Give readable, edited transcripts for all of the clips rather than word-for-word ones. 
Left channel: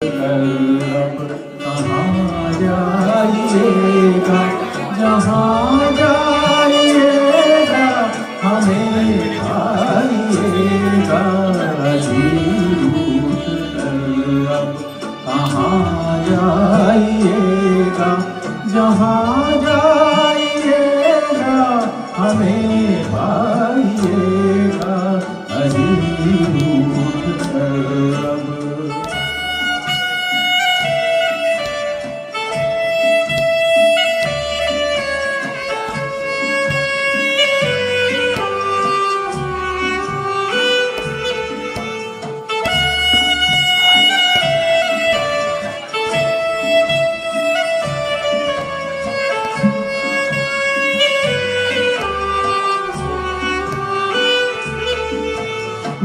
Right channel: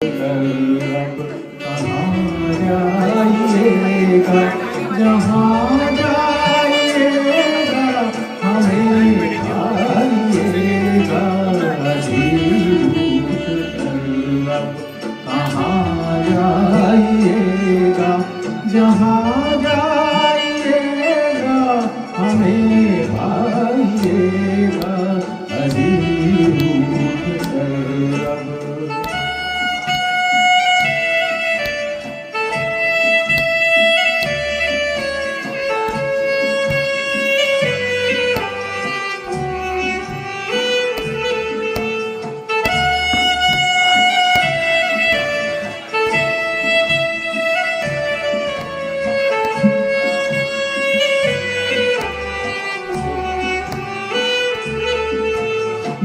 अब कहाँ जाइएगा, जहाँ जाइएगा हमें खाइएगा झूठ कर। अब कहाँ जाइएगा, जहाँ जाइएगा हमें खाइएगा झूठ कर। अब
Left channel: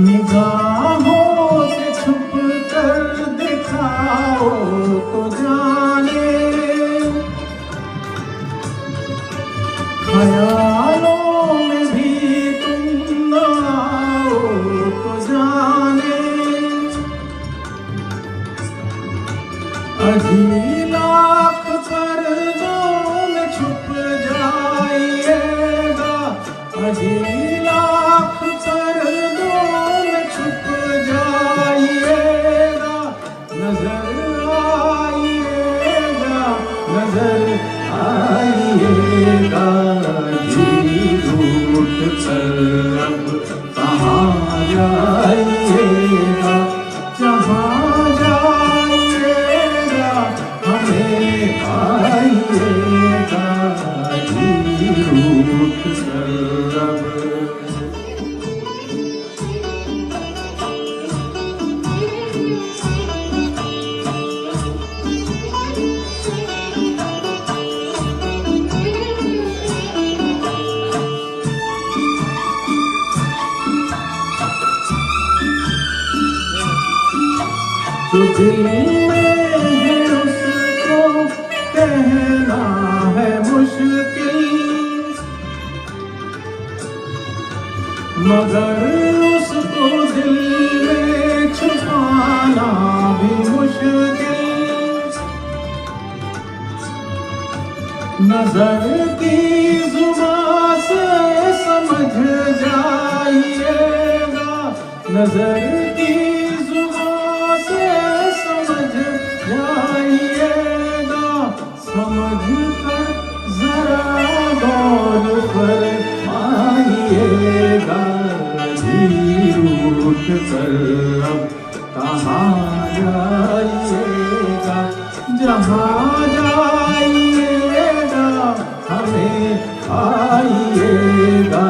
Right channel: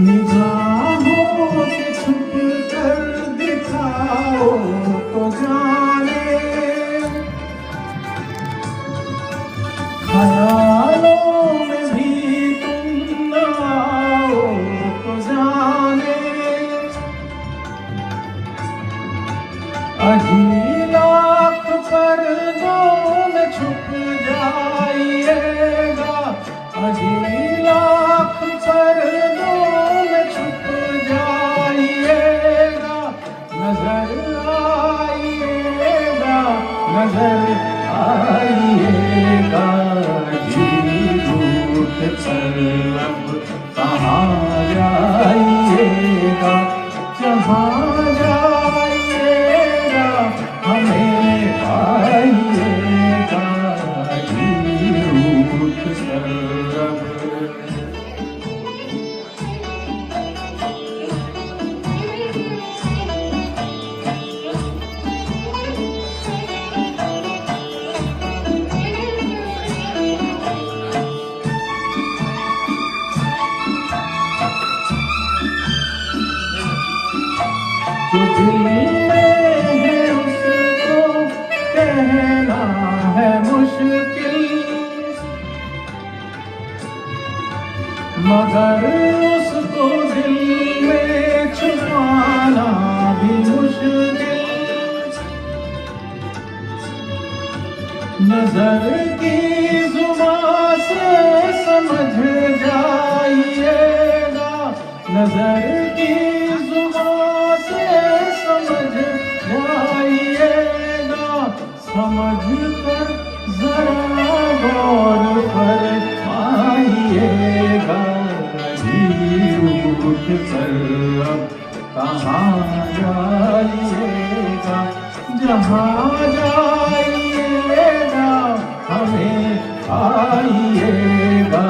निगाहों से छुप कर दिखाओ तो जाने, ख्यालों में भी तुम न आओ तो जाने। अजी लाख पर्दों में छुप जाइएगा, अजी लाख पर्दों छुप जाइएगा, नजर आइएगा, नजर आइएगा झूठ कर। अब कहाँ जाइएगा, जहाँ जाइएगा हमें आइएगा झूठ कर। अब जो दिल में है उसको कहना है मुश्किल, मगर उसको दिल में छुपाना भी मुश्किल। नजर की जुबान से समझ जाइएगा, नजर की जाइएगा, समझ कर जरा गौर पर आइएगा झूठ कर। अब कहाँ जाइएगा, जहाँ जाइएगा हमें आइएगा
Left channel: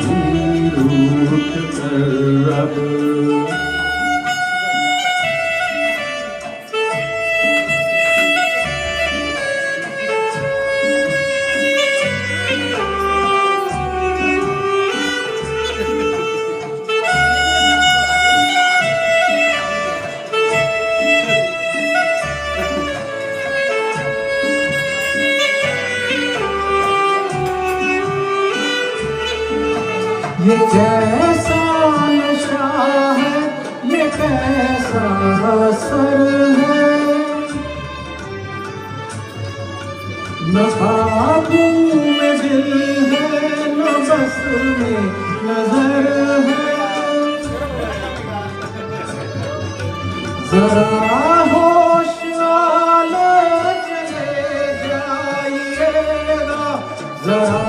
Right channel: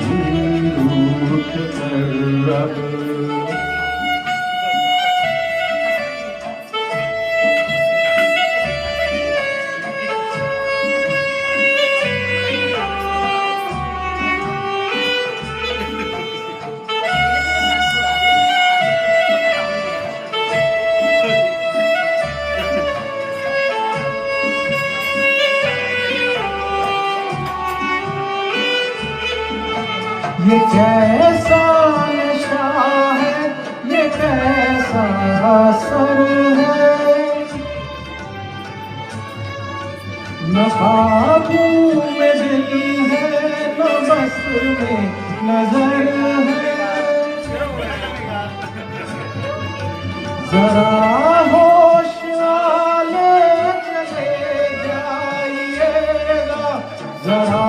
झूठ कर। अब ये कैसा नशा है, ये कैसा असर है, न काबू में दिल है न बस में नजर है। जरा होश वाले चले जाइएगा, जरा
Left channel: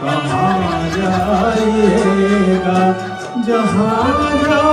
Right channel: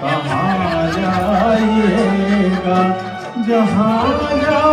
कहाँ जाइएगा, जहाँ